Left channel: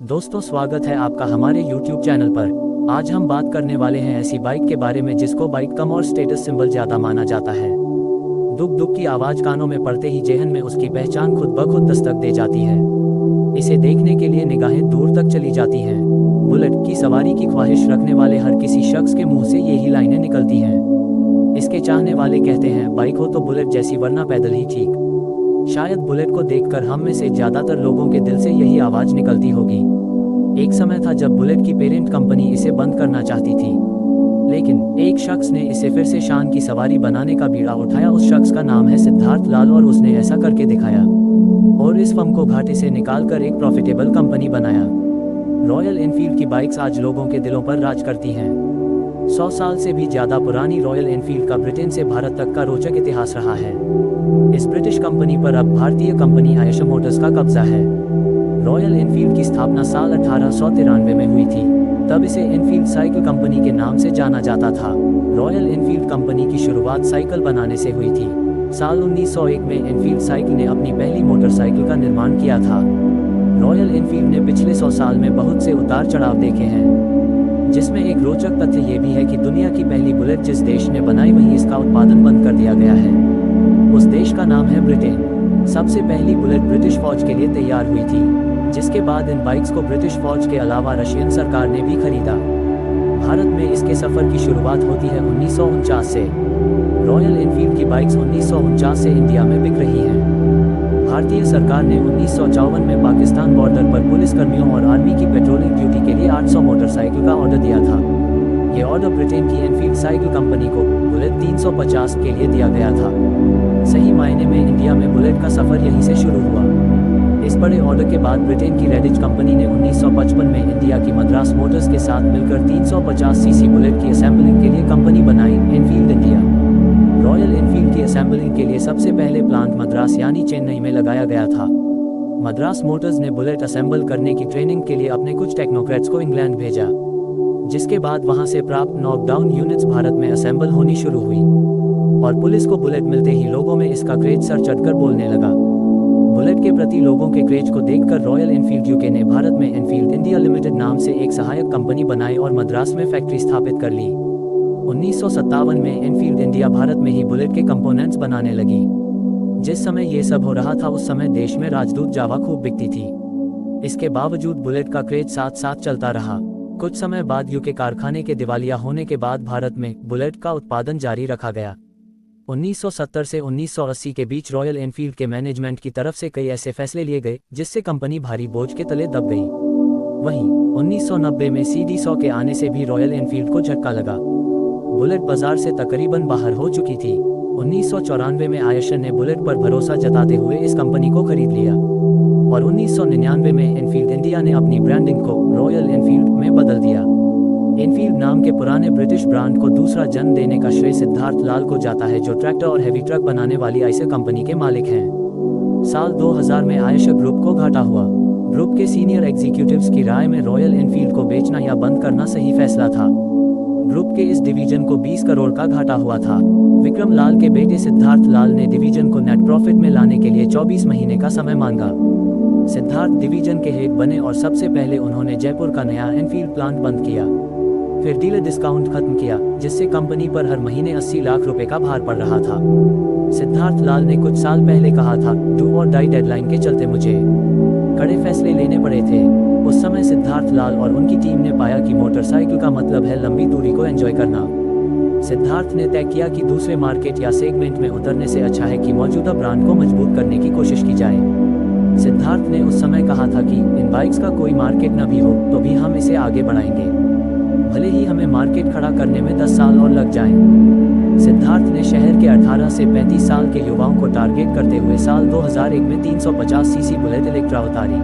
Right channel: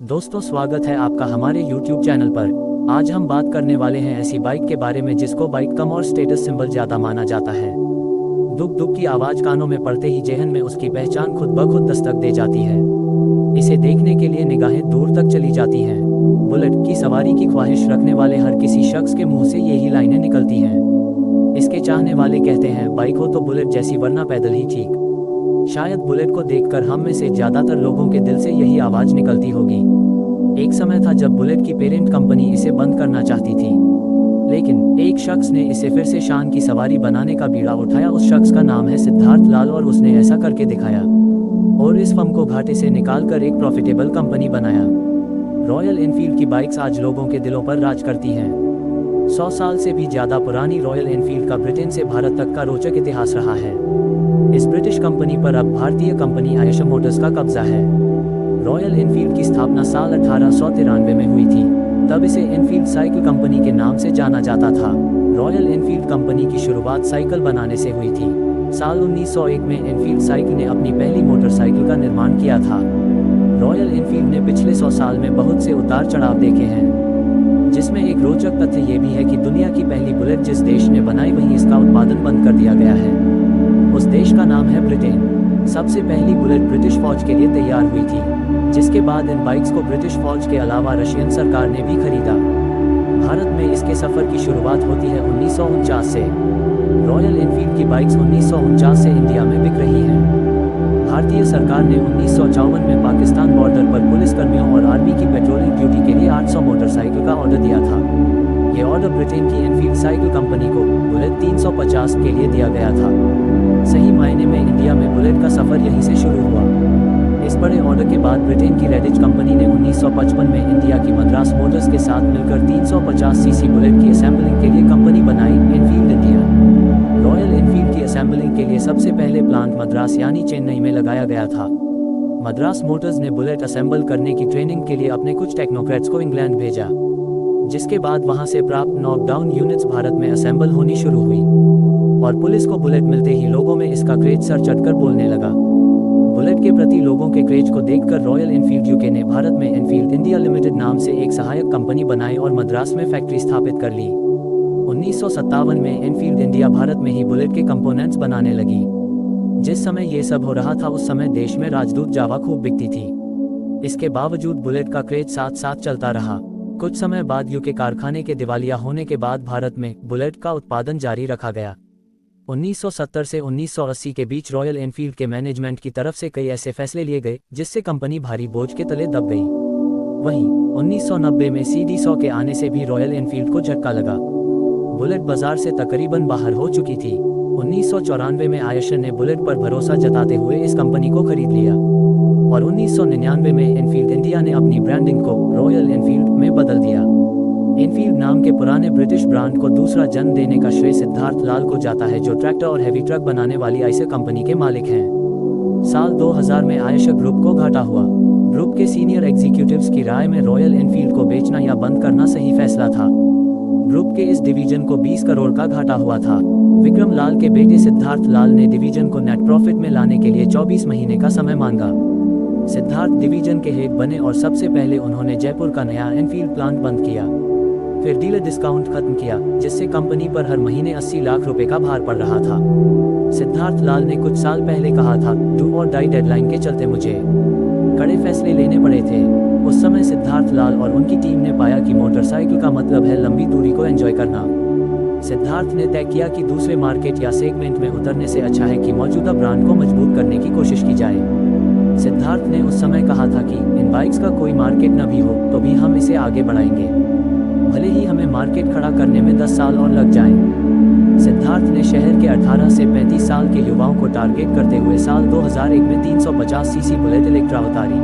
दोस्तों, स्वागत है आपका हमारे YouTube चैनल पर। आज हम बात करने वाले हैं ऐसी बाइक के बारे में जिसको बाइक कम और स्टेटस सिंबल ज्यादा माना जाता है। दुक दुक की आवाज कानों में पड़ते ही जेहन में उसकी पहचान खुद ब खुद दस्तक दे जाती है। इसे देखने के लिए निगाहें दूर तक चली जाती हैं। बुलेट की सवारी की ख्वाहिश रखने वाले हर किसी शख्स के मुंह से यही लाइनें निकलती हैं। इसके चाहने वाले कहते हैं, बाइक हो तो बुलेट जैसी, वरना पैदल ही ठीक। शायद बुलेट को देखकर हम में से ज्यादातर लोगों के दिल से यही आवाज निकलती होगी। एक समय था जब बुलेट की पेरेंट कंपनी इसे बंद करना चाहती थी, लेकिन एक शख्स ने इसे फिर से शान की सवारी बनाने का बीड़ा उठाया। उस शख्स का नाम है सिद्धार्थ लाल और उसने ऐसा करके दिखाया और इस फर्म को घाटे से निकालकर एक प्रॉफिटेबल कंपनी बनाया। रॉयल एनफील्ड की बाइक्स आज लोगों के दिलों पर राज करती हैं। 100 साल से भी ज्यादा पुरानी रॉयल एनफील्ड का ब्रिटेन से भारत तक का रोचक इतिहास रहा है। इस ब्रिटिश कंपनी पर अब भारतीय कंपनी आयशर मोटर्स का कब्जा है। रॉयल एनफील्ड की स्थापना साल 1893 में हुई थी। तब इसे एनफील्ड साइकिल कंपनी के नाम से जाना जाता था। रॉयल एनफील्ड कंपनी की शुरुआत साइकिल बनाने से हुई थी। साल 1901 में एनफील्ड साइकिल ने अपनी पहली मोटरसाइकिल का निर्माण किया था। रॉयल एनफील्ड ने पिछले 100 साल में बहुत से उतार चढ़ाव देखे हैं, जिसमें एक रोचक तथ्य ये भी है कि दुनिया की पहली बुलेट जिस देश ने बनाई वहीं इसका उत्पादन बंद कर दिया गया है। उस देश का नाम है ब्रिटेन। सबसे पहली बुलेट ब्रिटिश फौज के लिए तैयार हुई थी, जिसके बाद इन बाइक्स को ब्रिटिश फौज के अलावा रशियन सरकार ने भी खरीदा। भारत में इसके सफर की शुरुआत होती है 1949 से। रॉयल एनफील्ड की बाइक्स 1949 से इंडिया में बिक रही हैं। भारतीय सरकार ने 1954 में पाकिस्तान बॉर्डर पर पुलिस कर्मियों और आर्मी की पेट्रोलिंग ड्यूटी के लिए 800 मोटरसाइकिल का ऑर्डर दिया था। ये ऑर्डर ब्रिटेन की एनफील्ड साइकिल कंपनी को बुलेट 350 के लिए दिया गया था। सही मायने में इंडिया में बुलेट का सफर यहीं से शुरू हुआ। इस बड़े ऑर्डर के बाद ब्रिटेन की रेडिज कंपनी ने 1955 में इंडिया की मद्रास मोटर्स के साथ मिलकर 350 सीसी बुलेट की असेंबलिंग के लिए कंपनी बनाई, एनफील्ड इंडिया। रॉयल एनफील्ड की असेंबलिंग के लिए सबसे पहले प्लांट मद्रास यानी चेन्नई में लगाया गया था। मद्रास मोटर्स ने बुलेट असेंबल करने की ट्रेनिंग के लिए अपने कुछ टेक्नोक्रेट्स को इंग्लैंड भेजा, जिसके बाद वहां से प्राप्त नॉकडाउन यूनिट्स भारत में असेंबल होनी शुरू हुई और पुलिस को बुलेट मिलते ही लोगों में इसका क्रेज सर चढ़कर बोलने लगा। बुलेट के प्रति लोगों के क्रेज को देखकर रॉयल एनफील्ड यूके ने भारत में एनफील्ड इंडिया लिमिटेड नाम से एक सहायक कंपनी बनाई और मद्रास में फैक्ट्री स्थापित कर ली। 1957 में एनफील्ड इंडिया भारत में ही बुलेट के कंपोनेंट्स बनाने लगी। जिस समय ये सब हो रहा था उस समय देश में राजदूत जावा खूब बिकती थी। इसके बावजूद बुलेट का क्रेज साथ साथ चलता रहा। कुछ समय बाद यूके कारखाने के दिवालिया होने के बाद भारत में बुलेट का उत्पादन जारी रखा गया। 1970 से 1980 के बीच रॉयल एनफील्ड के मैनेजमेंट की तरफ से कई ऐसे फैसले लिए गए जिससे कंपनी भारी बोझ के तले दब गई। वहीं 1990 में CD100 के आने से भी रॉयल एनफील्ड को झटका लगा। बुलेट बाजार से तकरीबन बाहर हो चुकी थी। 1994 में आयशर ने बुलेट पर भरोसा जताते हुए इस कंपनी को खरीद लिया और 1999 में एनफील्ड इंडिया ने अपनी ब्रांडिंग को रॉयल एनफील्ड में बदल दिया। एनफील्ड नाम के पुराने ब्रिटिश ब्रांड को दूसरा जन्म देने का श्रेय सिद्धार्थ लाल को जाता है, जो ट्रैक्टर और हैवी ट्रक बनाने वाली आयशर कंपनी के मालिक हैं। साल 2000 में आयशर ग्रुप को घाटा हुआ। ग्रुप के सीनियर एग्जीक्यूटिव्स की राय में रॉयल एनफील्ड को बेचना या बंद करना सही फैसला था। ग्रुप के इस डिवीजन को 20 करोड़ का घाटा हुआ था। विक्रम लाल के बेटे सिद्धार्थ लाल ने डिवीजन को नेट प्रॉफिट में लाने के लिए 24 महीने का समय मांगा। सिद्धार्थ डिवीजन के हेड बने और सबसे पहले उन्होंने जयपुर का नया एनफील्ड प्लांट बंद किया। फिर डीलर डिस्काउंट खत्म किया, जिससे कंपनी पर हर महीने 80 लाख रुपए का भार पड़ रहा था। सिद्धार्थ लाल ने कुछ साल पहले कहा था, डू और डाई डेडलाइन के चलते मुझे कड़े फैसले लेने पड़े थे। उस समय सिद्धार्थ लाल और उनकी टीम ने पाया कि मोटरसाइकिल का मतलब है लंबी दूरी को एंजॉय करना। सिद्धार्थ ने तय किया कि दूसरे मार्केट या सेगमेंट में उतरने से अच्छा है कि मौजूदा ब्रांड को मजबूत करने की कोशिश की जाए। सिद्धार्थ ने उस समय कहा था कि इन बाइक्स का कोई मार्केट न भी हो तो भी हम इसे आगे बढ़ाएंगे, भले ही हमें मार्केट खड़ा करने में 10 साल और लग जाएं। सिद्धार्थ ने शहर के 18 से 35 साल के युवाओं को टारगेट करते हुए साल 2001 में 350 सीसी बुलेट इलेक्ट्रा उतारी।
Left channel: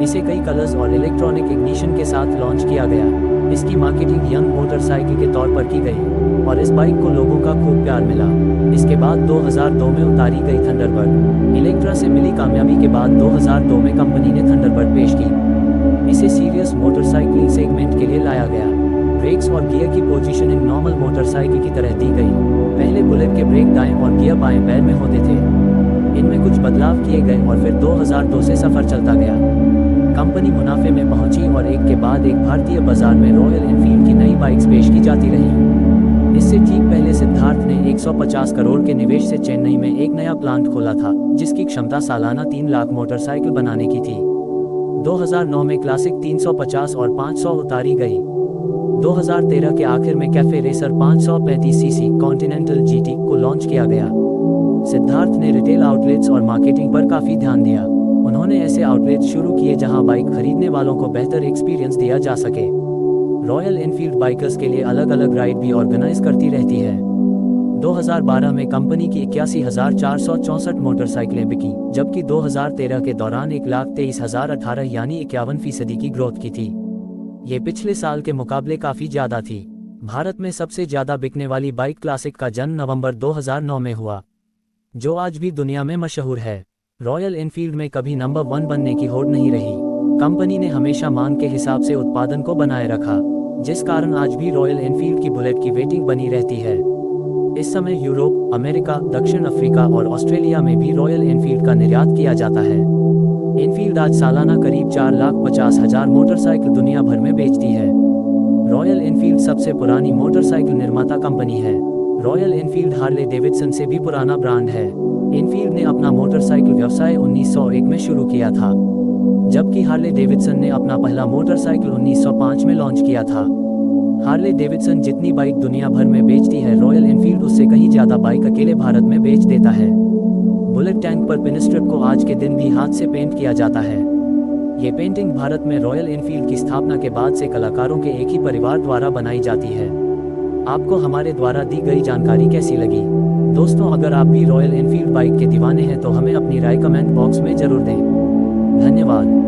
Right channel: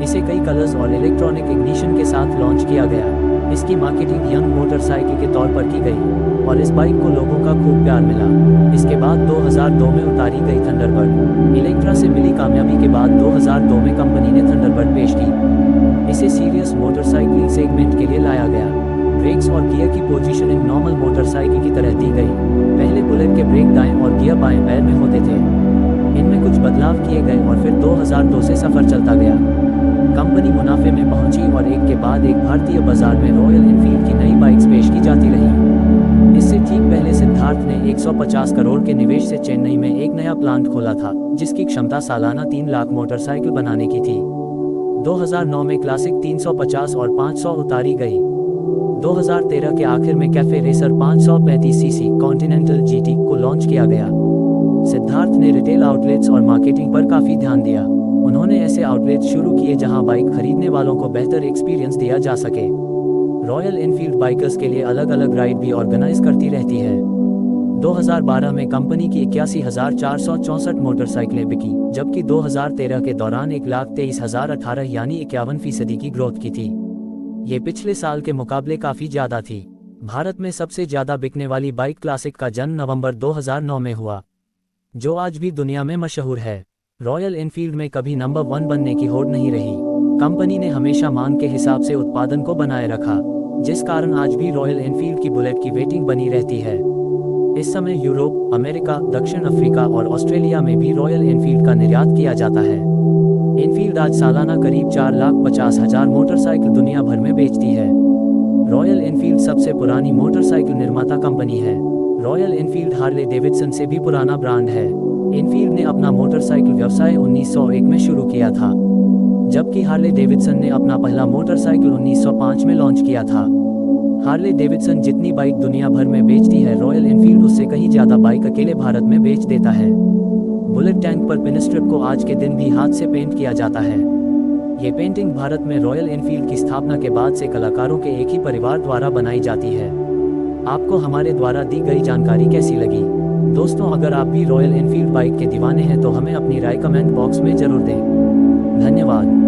इसे कई कलर्स और इलेक्ट्रॉनिक इग्निशन के साथ लॉन्च किया गया। इसकी मार्केटिंग यंग मोटरसाइकिल के तौर पर की गई और इस बाइक को लोगों का खूब प्यार मिला। इसके बाद 2002 में उतारी गई थंडरबर्ड। इलेक्ट्रा से मिली कामयाबी के बाद 2002 में कंपनी ने थंडरबर्ड पेश की। इसे सीरियस मोटरसाइकिलिंग सेगमेंट के लिए लाया गया। ब्रेक्स और गियर की पोजीशनिंग नॉर्मल मोटरसाइकिल की तरह दी गई। पहले बुलेट के ब्रेक दाएं और गियर बाएं पैर में होते थे। इनमें कुछ बदलाव किए गए और फिर 2002 से सफर चलता गया। कंपनी मुनाफे में पहुंची और एक के बाद एक भारतीय बाजार में रॉयल एनफील्ड की नई बाइक्स पेश की जाती रही। इससे ठीक पहले सिद्धार्थ ने 150 करोड़ के निवेश से चेन्नई में एक नया प्लांट खोला था, जिसकी क्षमता सालाना 3 लाख मोटरसाइकिल बनाने की थी। 2009 में क्लासिक 350 और 500 उतारी गई। 2013 के आखिर में cafe racer 535 CC continental GT को लॉन्च किया गया। सिद्धार्थ ने रिटेल आउटलेट्स और मार्केटिंग पर काफी ध्यान दिया। उन्होंने ऐसे आउटलेट्स शुरू किए जहां बाइक खरीदने वालों को बेहतर एक्सपीरियंस दिया जा सके। रॉयल एनफील्ड बाइकर्स के लिए अलग अलग राइड भी ऑर्गेनाइज करती रहती है। 2012 में कंपनी की 81,464 मोटरसाइकिलें बिकी, जबकि 2013 के दौरान 1,23,018 यानी 51% की ग्रोथ की थी। ये पिछले साल के मुकाबले काफी ज्यादा थी। भारत में सबसे ज्यादा बिकने वाली बाइक क्लासिक का जन्म नवंबर 2009 में हुआ, जो आज भी दुनिया में मशहूर है। रॉयल एनफील्ड में कभी नंबर 1 बनने की होड़ नहीं रही। कंपनी ने हमेशा मांग के हिसाब से उत्पादन को बनाए रखा, जिस कारण आज भी रॉयल एनफील्ड की बुलेट की वेटिंग बनी रहती है। इस समय यूरोप, अमेरिका, दक्षिण अफ्रीका और ऑस्ट्रेलिया में भी रॉयल एनफील्ड का निर्यात किया जाता है। एनफील्ड आज सालाना करीब 4,50,000 मोटरसाइकिल दुनिया भर में बेचती है। रॉयल एनफील्ड सबसे पुरानी मोटरसाइकिल निर्माता कंपनी है। रॉयल एनफील्ड हार्ले डेविडसन से भी पुराना ब्रांड है। एनफील्ड ने अपना मोटरसाइकिल व्यवसाय 1901 में शुरू किया था, जबकि हार्ले डेविडसन ने अपना पहला मोटरसाइकिल 1905 में लॉन्च किया था। हार्ले डेविडसन जितनी बाइक दुनिया भर में बेचती है, रॉयल एनफील्ड उससे कहीं ज्यादा बाइक अकेले भारत में बेच देता है। बुलेट टैंक पर पिनस्ट्रिप को आज के दिन भी हाथ से पेंट किया जाता है। ये पेंटिंग भारत में रॉयल एनफील्ड की स्थापना के बाद से कलाकारों के एक ही परिवार द्वारा बनाई जाती है। आपको हमारे द्वारा दी गई जानकारी कैसी लगी? दोस्तों, अगर आप भी रॉयल एनफील्ड बाइक के दीवाने हैं तो हमें अपनी राय कमेंट बॉक्स में जरूर दें। धन्यवाद।